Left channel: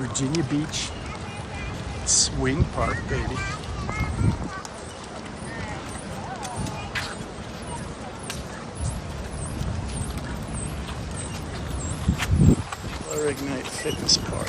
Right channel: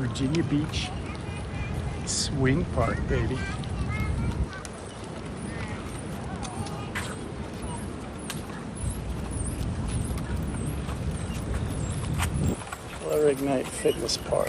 Virginia Beach Swing Park, baby. Hillier Ignite Fitness Park.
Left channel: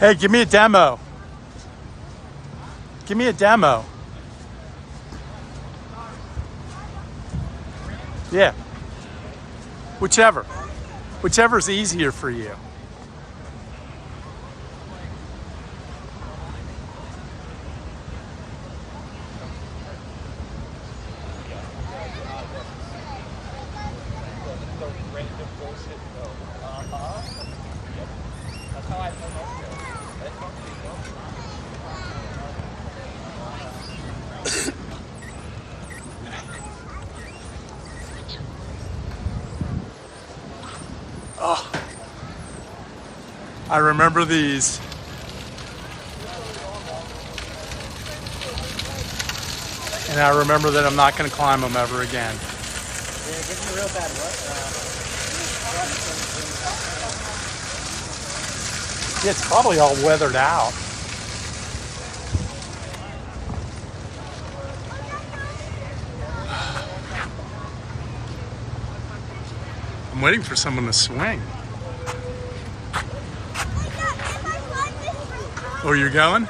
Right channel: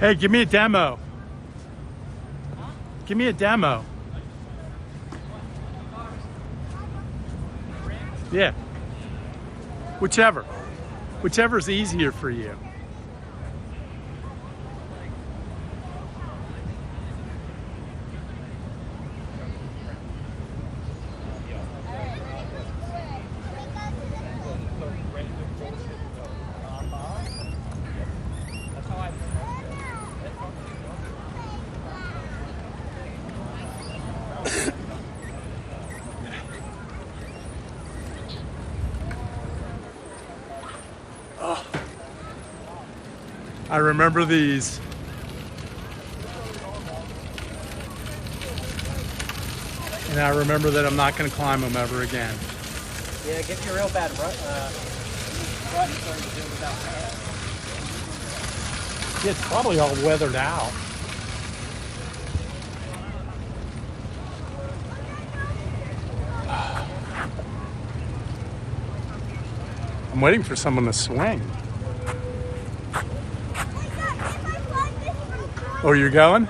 Hey, give me a demo. Give me a demo. Yeah. Whichever. Whichever's easier for you. Oh, I remember these. And I remember that I'm not going to climb them ever again. Yeah, give me a real bad Yeah, it's probably all weathered out. I'm waiting for someone to swing. Oh, you're going?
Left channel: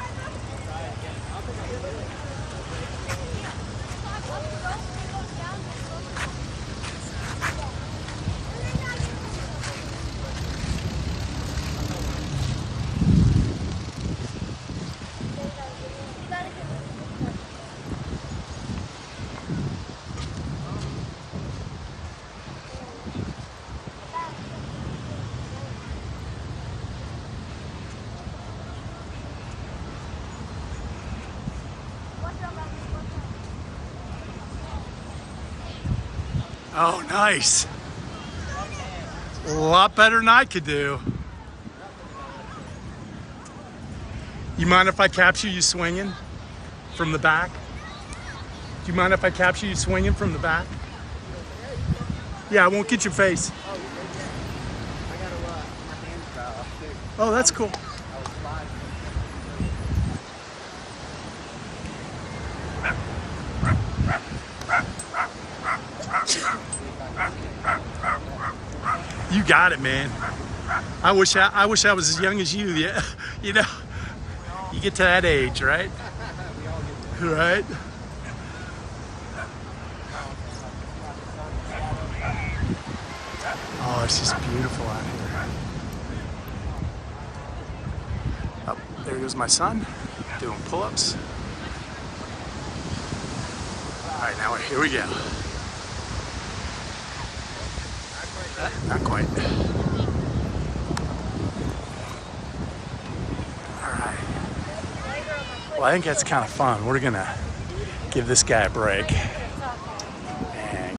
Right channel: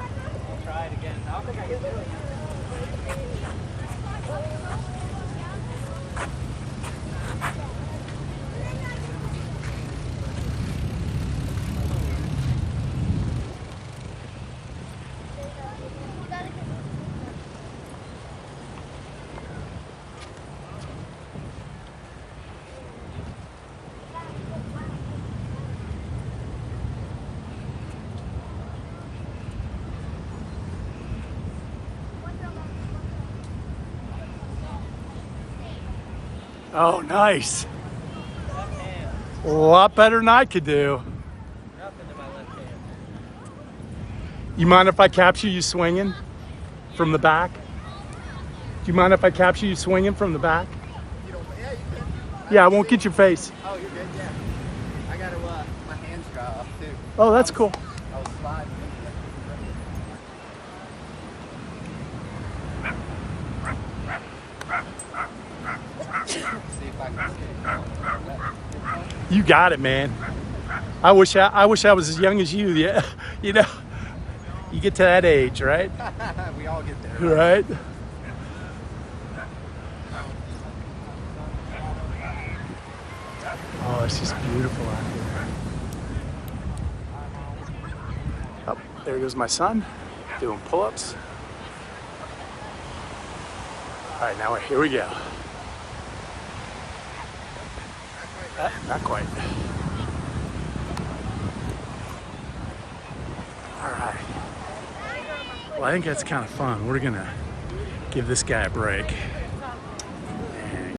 Oh, nice. A lot better than I could do. You mind if I capture you swinging from the back? Do you mind if I capture you swinging from the back? Yeah, I won't get your face. Oh, that's cool. You got it, man. I wish I was as young as you. Yeah, you know, you get to that age, right? We all get there. Right. Oh, it's just beautiful out here. Oh, there goes my son doing pull-ups. All right, now here we go. Not quite. All right. Well, I think that's kind of fun. We're gonna give this guy a break.